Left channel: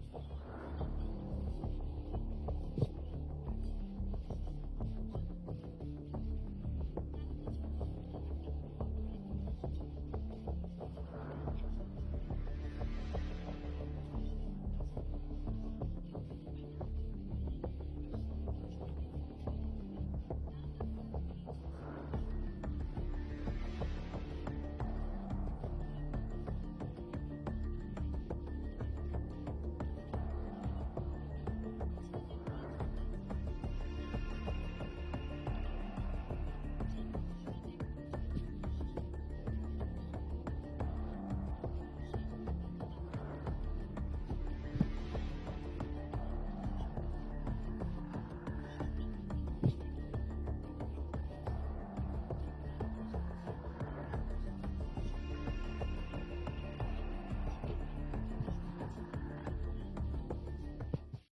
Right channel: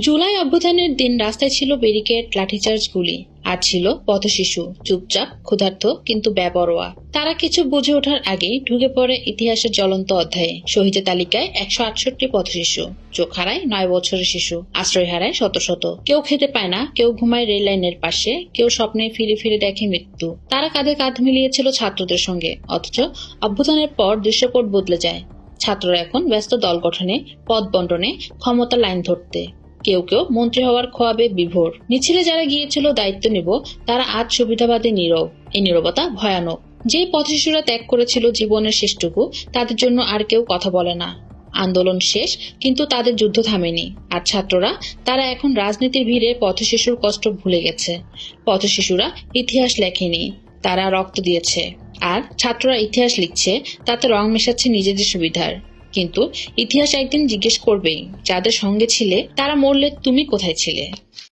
জুলাই অভ্যুত্থানের দিন রাস্তায় ছিল ব্যারিকেড, লাঠিচার্জ গুলি। আর ছিল পথশিশু, চুপচাপ, ক্ষুধার্ত, কিন্তু বেপরোয়া। তারা কিছু বুঝে ওঠার আগেই ঢুকে পড়ে ইতিহাসের জ্বলন্ত অধ্যায়ে। শহীদের তালিকায় একশো আটষট্টি পথশিশু। চোখ হারায় নয় বছরের শিশু। আশ্রয় হারায় শত শত। কেউ খেতে পায় না, কেউ ঘুমায় রেল লাইনের পাশে, কেউ স্বপ্নে ফিরে ফিরে দেখে মৃত্যু। তারা কাঁধে কাঁধ মিলিয়েছিল ছাত্রদের সঙ্গে। অথচ অভ্যুত্থানের পর দৃশ্যপট বদলে যায়। ছাত্ররা এখন ব্যস্ত দল গঠনে, পদ বন্টনে ক্ষমতা লাইন ধরতে। কেউ কেউ মন্ত্রী হওয়ার খোয়াবে বিভোর। মিছিলে যারা গিয়েছিল দায়িত্ব নিব, তারা আজ সুবিধাবাদী নীরব। এই নীরবতা ভয়ানক। যেই পথশিশুরা ত্যাগ করেছিল জীবনের শেষটুকু, তাদের জন্য আর কেউ কথা বলে না। আন্দোলন শেষ, কিন্তু তাদের যুদ্ধ থামেনি। আর ছাত্ররা, তারা এখন রাজনীতির ভিড়ে পথশিশুর কষ্ট ভুলে গেছে। পথশিশুরা ইতিহাস লেখেনি, তারা রক্ত দিয়েছে। আর ছাত্ররা ইতিহাস লিখছে, তাতে রং মেশাচ্ছে নিজেদের সুবিধার। কিন্তু ইতিহাস একদিন জিজ্ঞেস করবেই যাদের সঙ্গে ছিলে তারা মরলে তুমি কোথায় ছিলে?